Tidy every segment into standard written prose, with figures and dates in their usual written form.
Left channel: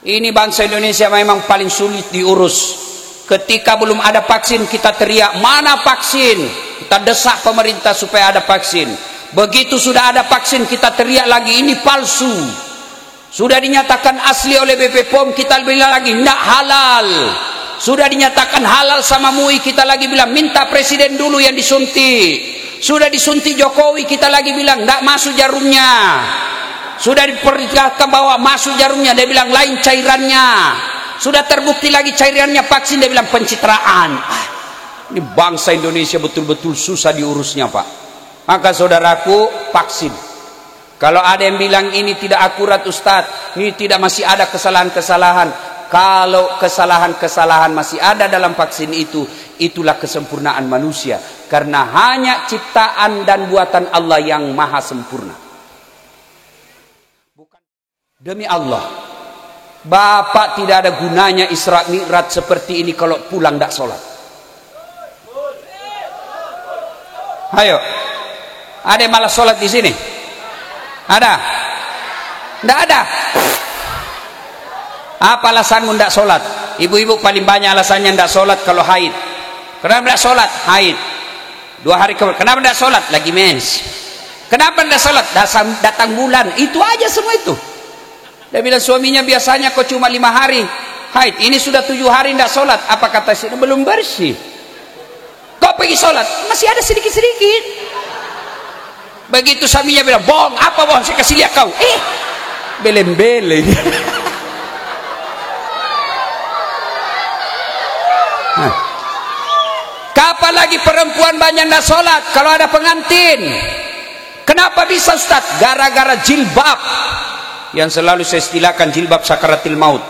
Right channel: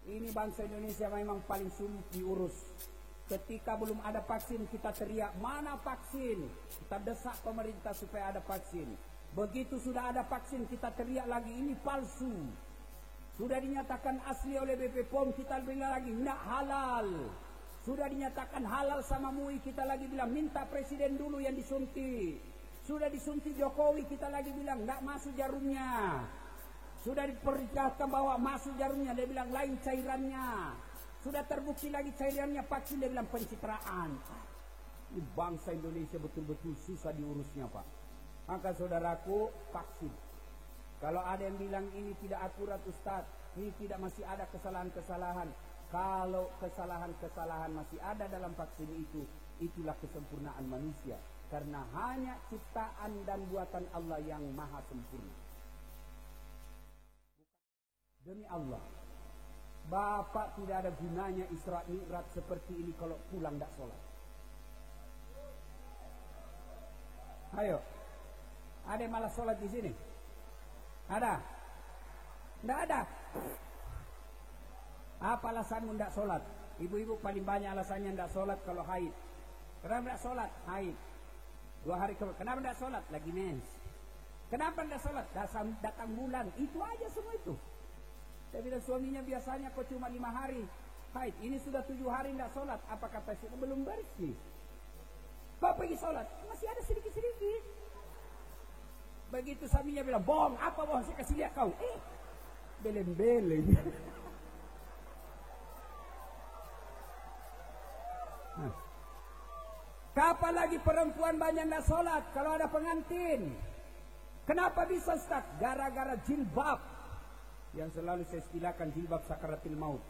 Ini bangsa Indonesia memang paling sulit diurus. Ketika belum ada vaksin kita teriak, mana vaksin? Kita desak pemerintah supaya ada vaksin. Begitu sudah ada vaksin kita teriak lagi, ini palsu. Sudah dinyatakan asli oleh BP POM, kita bilang lagi tidak halal. Sudah dinyatakan halal sama MUI, kita lagi bilang minta presiden dulu yang disuntik. Sudah disuntik Jokowi, kita lagi bilang tidak masuk jarumnya. Sudah diperlihatkan bahwa masuk jarumnya, dia bilang lain cairannya. Sudah terbukti lagi cairannya vaksin, dia bilang pencitraan. Ini bangsa Indonesia betul-betul susah diurusnya, Pak. Maka saudaraku, vaksin. Kalau ada yang bilang ini tidak akurat Ustadz, ini tidak, masih ada kesalahan-kesalahan. Kalau kesalahan-kesalahan masih ada dalam vaksin itu, itulah kesempurnaan manusia. Karena hanya ciptaan dan buatan Allah yang maha sempurna. Demi Allah, Bapak tidak ada gunanya Isra Mi'raj seperti ini kalau pulang tidak sholat. Ayo, ada yang malas sholat di sini? Ada? Tidak ada. Apa alasanmu tidak sholat? Ibu-ibu paling banyak alasannya tidak sholat kalau haid. Kenapa tidak sholat? Haid. 2 hari kemudian. Kenapa tidak sholat? Lagi mens. Kenapa tidak sholat? Datang bulan. Itu aja semua itu. Dia bilang suaminya biasanya kok cuma 5 hari haid, ini sudah 7 hari tidak sholat. Apa kata istri? Belum bersih. Kok pergi sholat? Masih ada sedikit-sedikit. Begitu suaminya bilang, bohong, apa bohong? Saya kasih lihat kau. Belem-belem. Kapan lagi perempuan banyak tidak sholat kalau ada pengantin? Kenapa bisa Ustaz? Gara-gara jilbab. Yang selalu saya istilahkan jilbab sakaratil maut.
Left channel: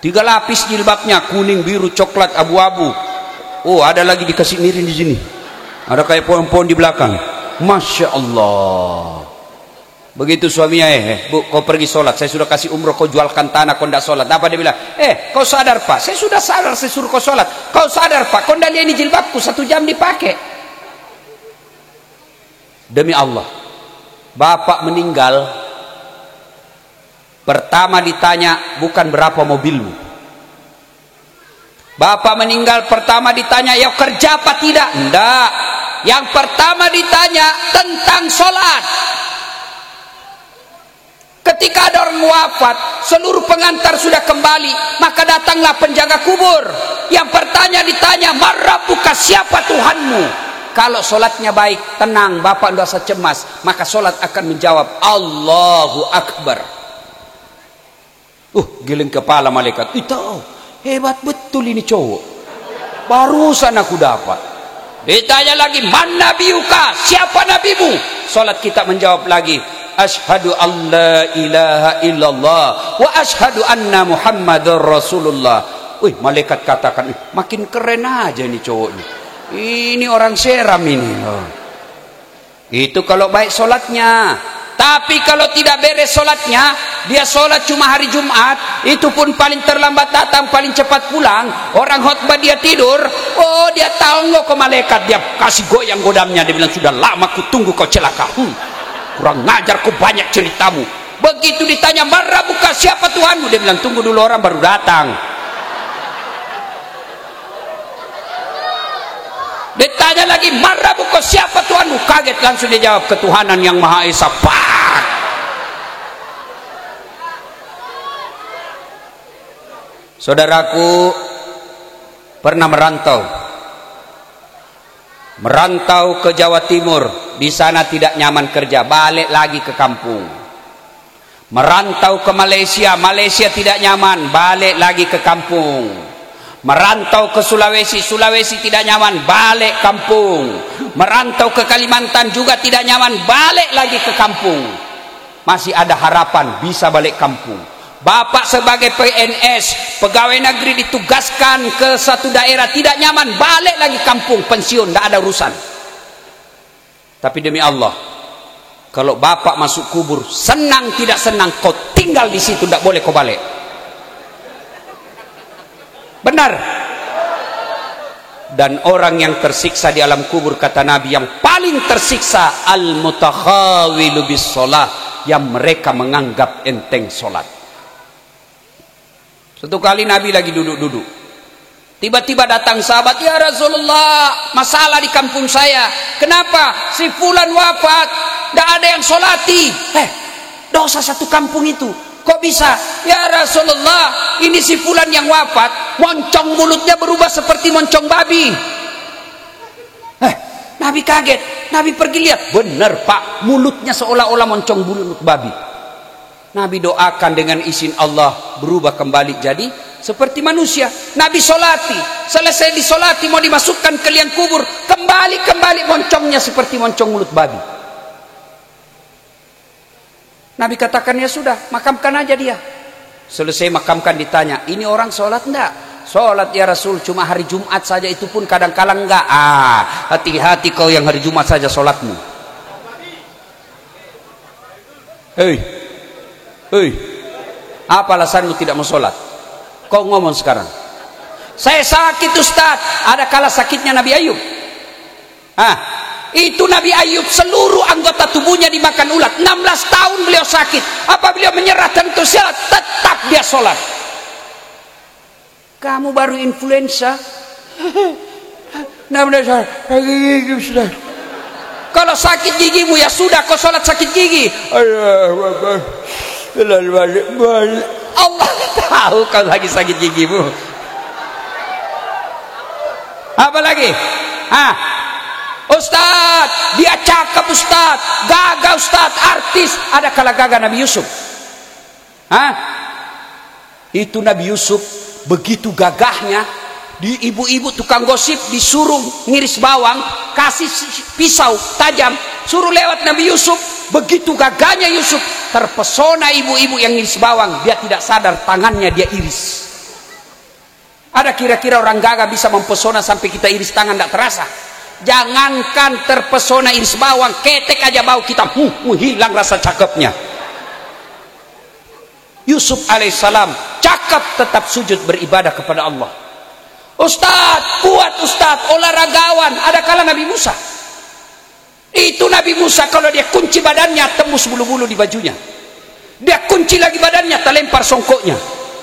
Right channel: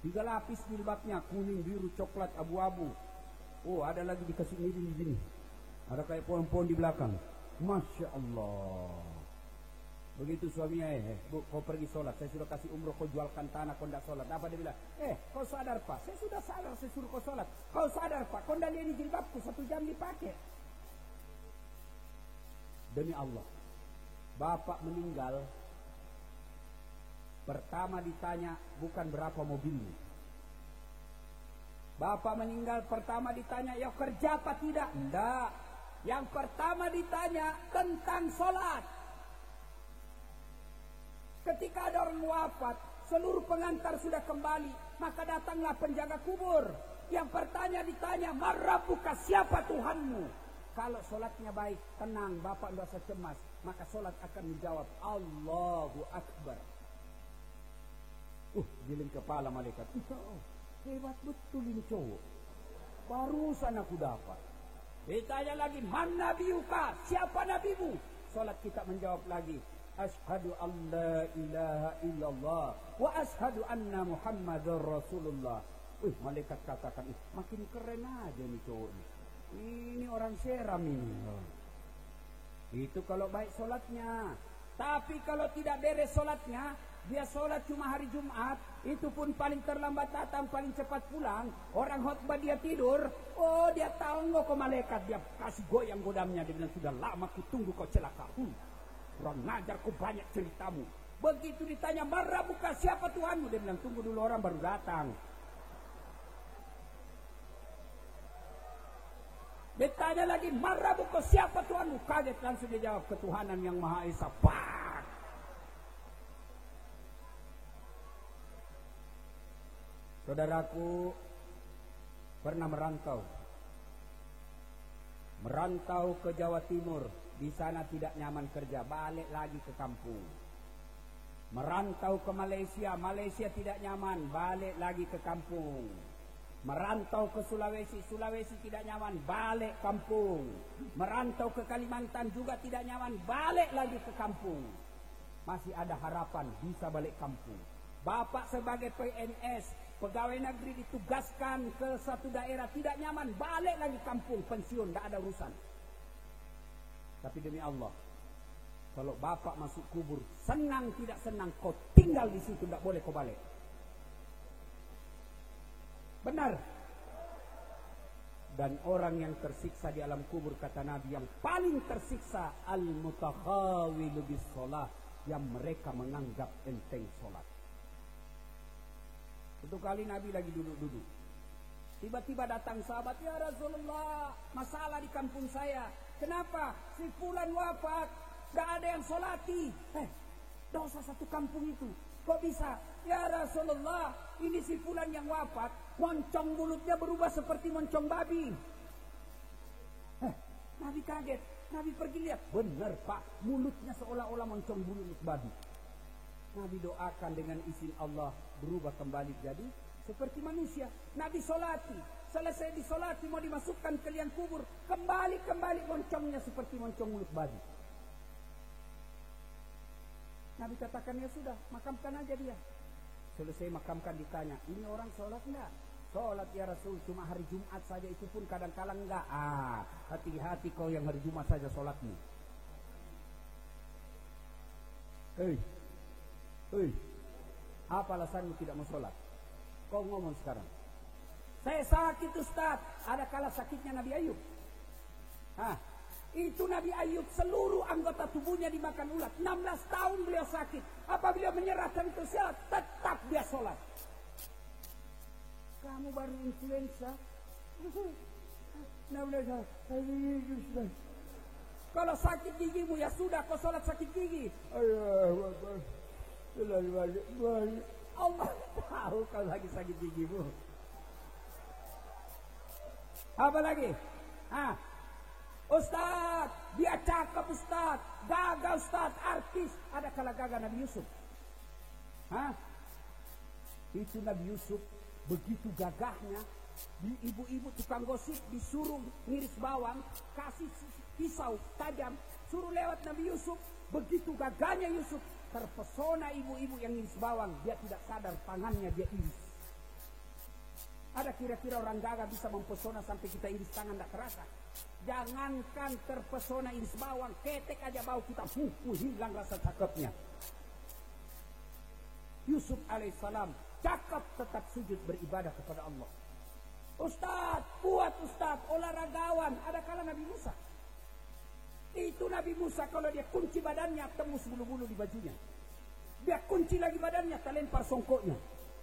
3 lapis jilbabnya, kuning, biru, coklat, abu-abu. Oh, ada lagi dikasih miring di sini. Ada kayak pohon-pohon di belakang. Masya Allah. Begitu suaminya, Bu, kau pergi sholat. Saya sudah kasih umroh, kau jualkan tanah, kau tidak sholat. Apa dia bilang? Kau sadar Pak? Saya sudah sadar, saya suruh kau sholat. Kau sadar Pak? Kau tidak lihat ini jilbabku 1 jam dipakai. Demi Allah, Bapak meninggal, pertama ditanya bukan berapa mobilmu. Bapak meninggal pertama ditanya, ya kerja apa tidak? Enggak. Yang pertama ditanya tentang sholat. Ketika ada orang wafat, seluruh pengantar sudah kembali, maka datanglah penjaga kubur. Yang pertama ditanya, Marabbuka, siapa Tuhanmu? Kalau sholatnya baik, tenang, Bapak tidak usah cemas, maka sholat akan menjawab Allahu Akbar. Giling kepala malaikat. Itu hebat betul ini cowok. Barusan aku dapat. Ditanya lagi, man nabiyuka, siapa nabimu? Salat kita menjawab lagi, asyhadu an la ilaha illallah wa asyhadu anna muhammadar rasulullah. Malaikat katakan, makin keren aja ini cowok ini. Ini orang seram ini. Itu kalau baik solatnya. Tapi kalau tidak beres solatnya, dia solat cuma hari Jumat, itu pun paling terlambat datang, paling cepat pulang. Orang khotbah dia tidur, dia tahu nggak ke malaikat, dia kasih goyang godamnya. Dia bilang, sudah lama ku tunggu kau celaka. Kurang ngajar, kau banyak ceritamu. Begitu ditanya, Marabbuka, siapa Tuhanmu? Dia bilang, tunggu dulu, orang baru datang. Ditanya lagi, Marabbuka, siapa Tuhanmu? Kaget langsung dia jawab, ketuhanan yang Maha Esa. Saudaraku pernah merantau ke Jawa Timur, di sana tidak nyaman kerja, balik lagi ke kampung. Merantau ke Malaysia, Malaysia tidak nyaman, balik lagi ke kampung. Merantau ke Sulawesi, Sulawesi tidak nyaman, balik kampung. Merantau ke Kalimantan juga tidak nyaman, balik lagi ke kampung. Masih ada harapan bisa balik kampung. Bapak sebagai PNS, pegawai negeri, ditugaskan ke satu daerah, tidak nyaman, balik lagi kampung, pensiun, tidak ada urusan. Tapi demi Allah, kalau Bapak masuk kubur, senang tidak senang, kau tinggal di situ, tidak boleh kau balik. Benar. Dan orang yang tersiksa di alam kubur, kata Nabi, yang paling tersiksa al-mutakhawilu bis sholah, yang mereka menganggap enteng sholat. Suatu kali Nabi lagi duduk-duduk, tiba-tiba datang sahabat, ya Rasulullah, masalah di kampung saya. Kenapa? Si fulan wafat, tidak ada yang solati. Dosa satu kampung itu. Kok bisa? Ya Rasulullah, ini si fulan yang wafat, moncong mulutnya berubah seperti moncong babi. Nabi kaget. Nabi pergi lihat, benar Pak, mulutnya seolah-olah moncong mulut babi. Nabi doakan dengan izin Allah, berubah kembali jadi seperti manusia. Nabi solati, selesai disolati mau dimasukkan ke liang kubur, kembali moncongnya seperti moncong mulut babi. Nabi katakan, ya sudah, makamkan aja dia. Selesai makamkan, ditanya, ini orang sholat enggak? Sholat ya Rasul, cuma hari Jumat saja, itu pun kadang-kala enggak. Hati-hati kau yang hari Jumat saja sholatmu. Hei, apa alasanmu tidak mau sholat? Kau ngomong sekarang. Saya sakit Ustaz. Ada kala sakitnya Nabi Ayub. Itu Nabi Ayub seluruh anggota tubuhnya dimakan ulat. 16 tahun beliau sakit. Apa beliau menyerah dan sholat? Tetap dia sholat. Kamu baru influenza. Kalau sakit gigimu ya sudah, kau sholat sakit gigi. Allah tahu kau lagi sakit gigimu. Apa lagi? Ustaz, dia cakep Ustaz, gagah Ustaz, artis. Ada kala gagah Nabi Yusuf. Itu Nabi Yusuf begitu gagahnya, di ibu-ibu tukang gosip disuruh ngiris bawang, kasih pisau tajam, suruh lewat Nabi Yusuf. Begitu gagahnya Yusuf, terpesona ibu-ibu yang ngiris bawang. Dia tidak sadar tangannya dia iris. Ada kira-kira orang gagah bisa mempesona sampai kita iris tangan tidak terasa? Jangankan terpesona iris bawang, ketek aja bau kita hilang rasa cakepnya. Yusuf alaihissalam cakep, tetap sujud beribadah kepada Allah. Ustaz, kuat Ustaz, olahragawan. Ada kala Nabi Musa. Itu Nabi Musa kalau dia kunci badannya tembus bulu-bulu di bajunya. Dia kunci lagi badannya, terlempar songkoknya.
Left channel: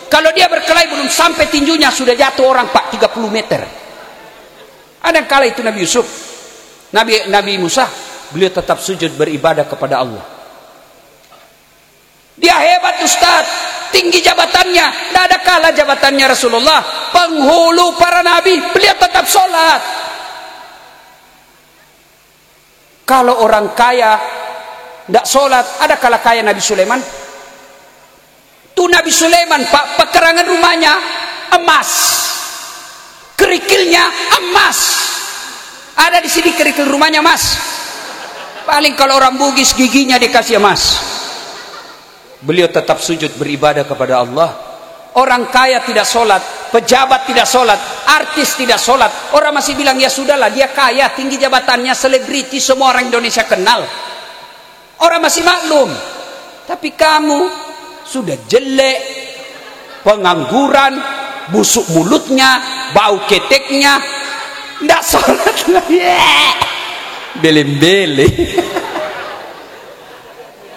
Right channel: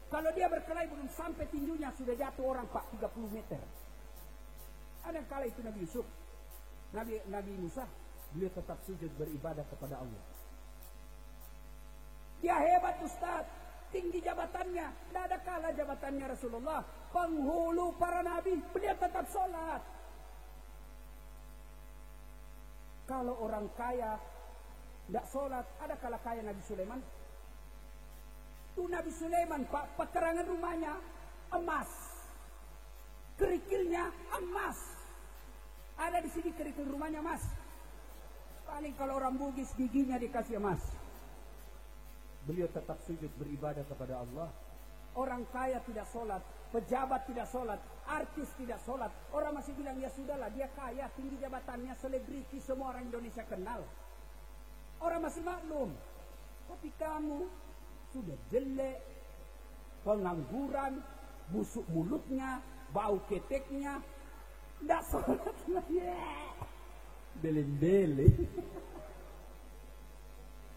Kalau dia berkelahi belum sampai tinjunya sudah jatuh orang Pak 30 meter. Ada kala itu Nabi Yusuf, Nabi Musa, beliau tetap sujud beribadah kepada Allah. Dia hebat Ustaz, tinggi jabatannya. Tidak ada kala jabatannya Rasulullah, penghulu para nabi, beliau tetap sholat. Kalau orang kaya tidak sholat, ada kala kaya Nabi Sulaiman. Tuh Nabi Sulaiman Pak, pekerangan rumahnya emas, kerikilnya emas. Ada di sini kerikil rumahnya emas. Paling kalau orang Bugis giginya dikasih emas. Beliau tetap sujud beribadah kepada Allah. Orang kaya tidak sholat, pejabat tidak sholat, artis tidak sholat. Orang masih bilang ya sudahlah, dia kaya, tinggi jabatannya, selebriti, semua orang Indonesia kenal. Orang masih maklum. Tapi kamu sudah jelek, pengangguran, busuk mulutnya, bau keteknya, tidak sholat lagi. Bele-bele.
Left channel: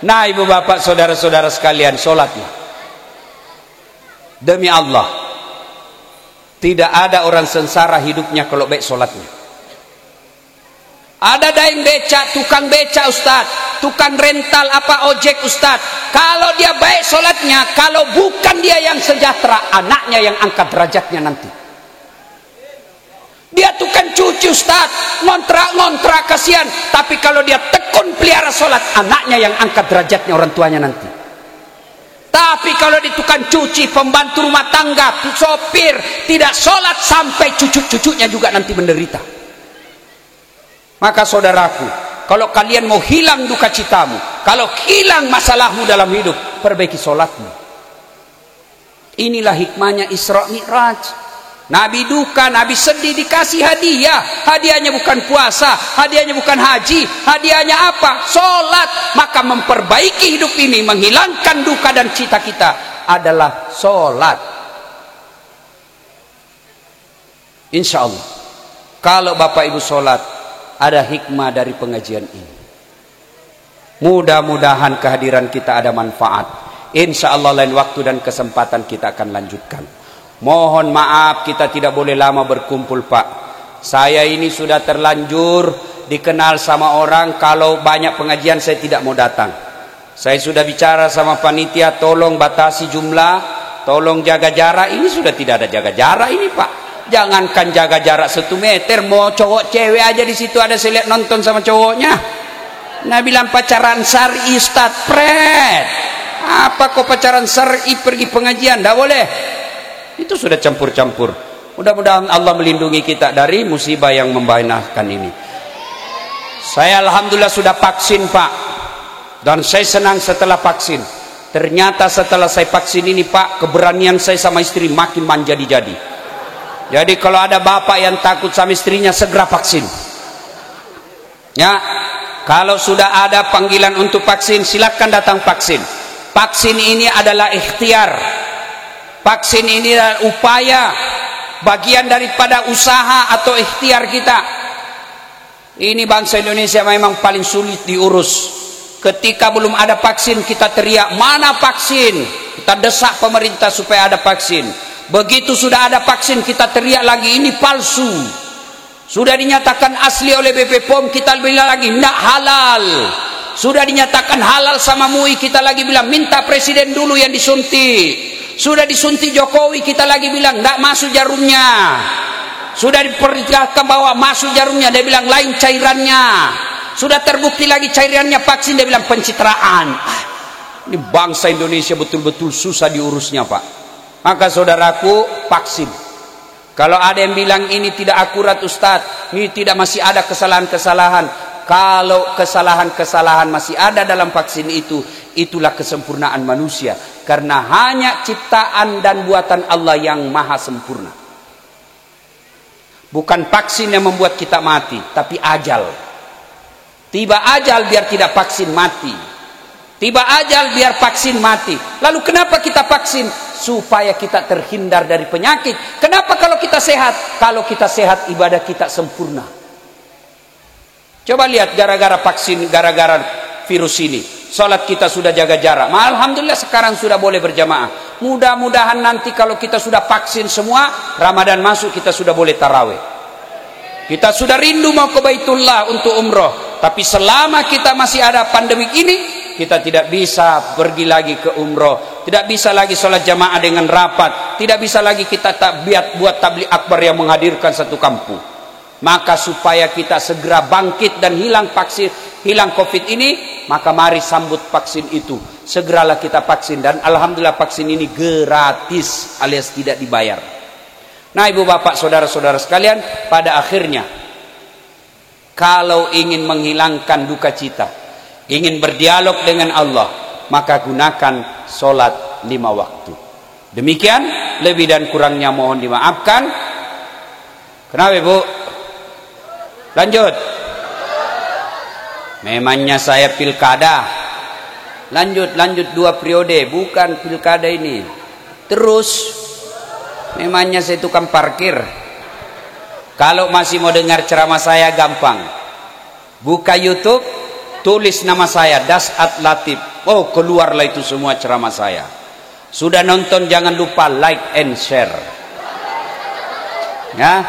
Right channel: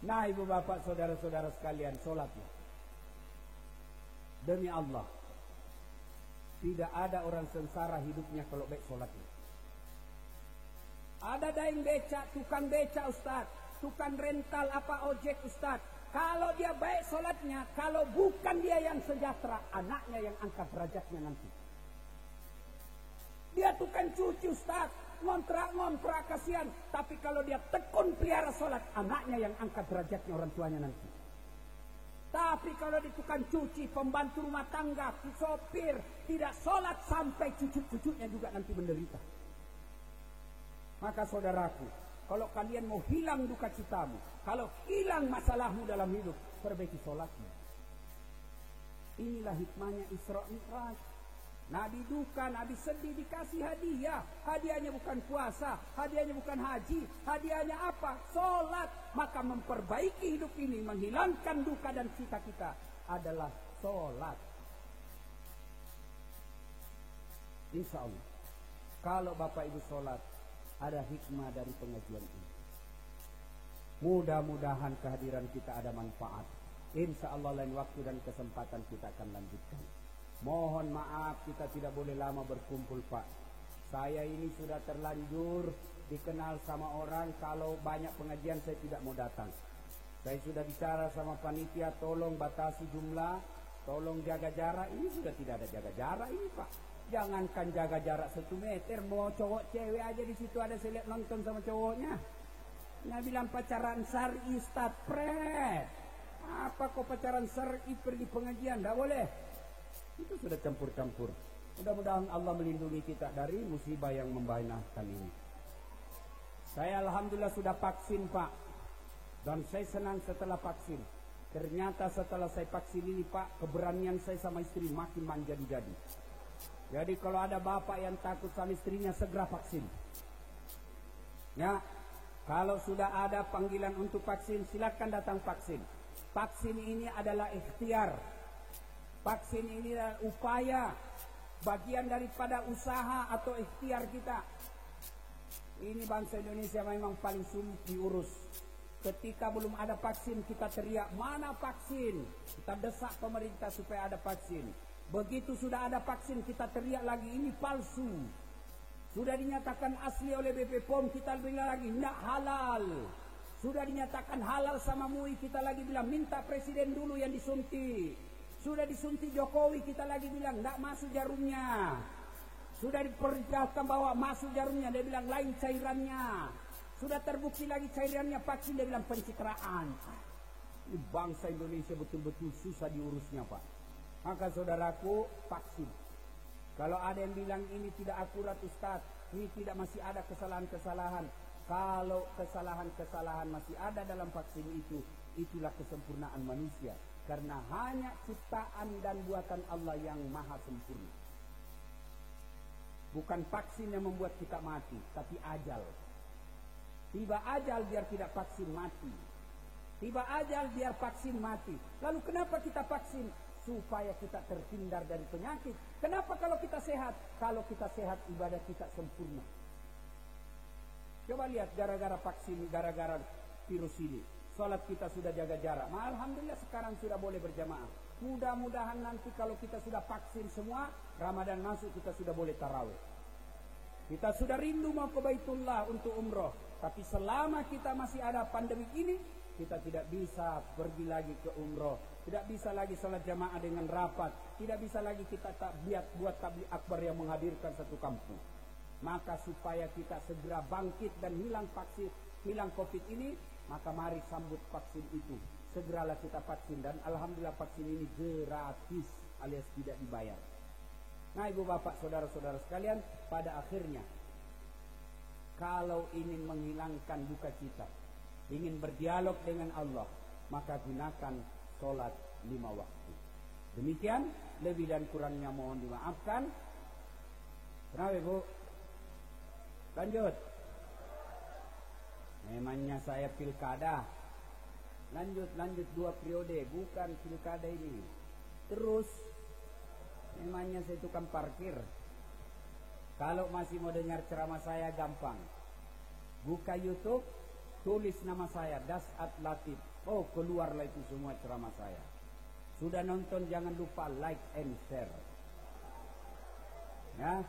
Nah ibu bapak saudara-saudara sekalian, sholatlah. Demi Allah, tidak ada orang sengsara hidupnya kalau baik sholatnya. Ada daeng beca, tukang beca Ustaz, tukang rental apa ojek Ustaz. Kalau dia baik sholatnya, kalau bukan dia yang sejahtera, anaknya yang angkat derajatnya nanti. Dia tukang cuci Ustaz, ngontrak kasihan. Tapi kalau dia tekun pelihara sholat, anaknya yang angkat derajatnya orang tuanya nanti. Tapi kalau di tukang cuci, pembantu rumah tangga, sopir, tidak sholat, sampai cucu-cucunya juga nanti menderita. Maka saudaraku, kalau kalian mau hilang duka citamu, kalau hilang masalahmu dalam hidup, perbaiki sholatmu. Inilah hikmahnya Isra Mi'raj. Nabi duka, Nabi sedih, dikasih hadiah. Hadiahnya bukan puasa, hadiahnya bukan haji, hadiahnya apa? Sholat. Maka memperbaiki hidup ini, menghilangkan duka dan cita kita adalah sholat. Insya Allah, kalau Bapak Ibu sholat, ada hikmah dari pengajian ini. Mudah-mudahan kehadiran kita ada manfaat. Insya Allah lain waktu dan kesempatan kita akan lanjutkan. Mohon maaf kita tidak boleh lama berkumpul Pak. Saya ini sudah terlanjur dikenal sama orang kalau banyak pengajian saya tidak mau datang. Saya sudah bicara sama panitia, tolong batasi jumlah, tolong jaga jarak. Ini sudah tidak ada jaga jarak ini Pak. Jangankan jaga jarak 1 meter, mau cowok cewek aja di situ ada saya lihat nonton sama cowoknya. Nah bilang pacaran syar'i Ustaz, pret. Apa kok pacaran syar'i pergi pengajian? Tidak boleh. Itu sudah campur-campur. Mudah-mudahan Allah melindungi kita dari musibah yang membahayakan ini. Saya alhamdulillah sudah vaksin Pak. Dan saya senang setelah vaksin. Ternyata setelah saya vaksin ini Pak, keberanian saya sama istri makin menjadi-jadi. Jadi kalau ada bapak yang takut sama istrinya, segera vaksin. Ya, kalau sudah ada panggilan untuk vaksin, silakan datang vaksin. Vaksin ini adalah ikhtiar. Vaksin ini adalah upaya, bagian daripada usaha atau ikhtiar kita. Ini bangsa Indonesia memang paling sulit diurus. Ketika belum ada vaksin, kita teriak, mana vaksin? Kita desak pemerintah supaya ada vaksin. Begitu sudah ada vaksin, kita teriak lagi, ini palsu. Sudah dinyatakan asli oleh BP POM, kita bilang lagi, tidak halal. Sudah dinyatakan halal sama MUI, kita lagi bilang, minta presiden dulu yang disuntik. Sudah disuntik Jokowi, kita lagi bilang, tidak masuk jarumnya. Sudah diperlihatkan bahwa masuk jarumnya, dia bilang lain cairannya. Sudah terbukti lagi cairannya vaksin, dia bilang pencitraan. Ini bangsa Indonesia betul-betul susah diurusnya Pak. Maka saudaraku, vaksin. Kalau ada yang bilang ini tidak akurat Ustadz, ini tidak, masih ada kesalahan-kesalahan. Kalau kesalahan-kesalahan masih ada dalam vaksin itu, itulah kesempurnaan manusia. Karena hanya ciptaan dan buatan Allah yang maha sempurna. Bukan vaksin yang membuat kita mati, tapi ajal. Tiba ajal biar tidak vaksin mati. Tiba ajal biar vaksin mati. Lalu kenapa kita vaksin? Supaya kita terhindar dari penyakit. Kenapa kalau kita sehat? Kalau kita sehat ibadah kita sempurna. Coba lihat gara-gara vaksin, gara-gara virus ini. Salat kita sudah jaga jarak. Alhamdulillah sekarang sudah boleh berjamaah. Mudah-mudahan nanti kalau kita sudah vaksin semua, Ramadan masuk kita sudah boleh tarawih. Kita sudah rindu mau ke Baitullah untuk umroh. Tapi selama kita masih ada pandemi ini, kita tidak bisa pergi lagi ke umroh, tidak bisa lagi sholat jamaah dengan rapat, tidak bisa lagi kita buat tabligh akbar yang menghadirkan satu kampung. Maka supaya kita segera bangkit dan hilang vaksin, hilang COVID ini, maka mari sambut vaksin itu. Segeralah kita vaksin, dan alhamdulillah vaksin ini gratis alias tidak dibayar. Nah ibu bapak saudara-saudara sekalian, pada akhirnya kalau ingin menghilangkan duka cita, ingin berdialog dengan Allah, maka gunakan solat 5 waktu. Demikian, lebih dan kurangnya mohon dimaafkan. Kenapa ibu? Lanjut. Memangnya saya pilkada. Lanjut 2 periode, bukan pilkada ini. Terus, memangnya saya tukang parkir. Kalau masih mau dengar ceramah saya gampang. Buka YouTube, tulis nama saya Dasat Latif. Oh, keluarlah itu semua ceramah saya. Sudah nonton jangan lupa like and share. Ya.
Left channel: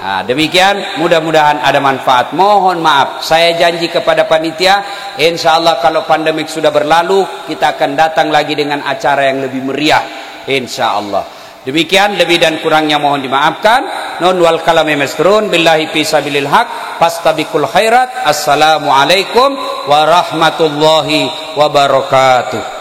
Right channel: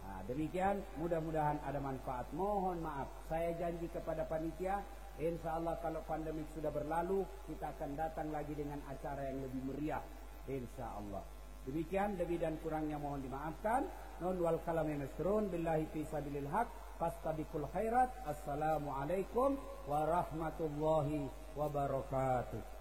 Nah, demikian, mudah-mudahan ada manfaat. Mohon maaf, saya janji kepada panitia, insya Allah kalau pandemik sudah berlalu, kita akan datang lagi dengan acara yang lebih meriah, insya Allah. Demikian, lebih dan kurangnya mohon dimaafkan. Nun wal kalami masrun billahi fi sabilil haq fastabiqul khairat. Assalamualaikum warahmatullahi wabarakatuh.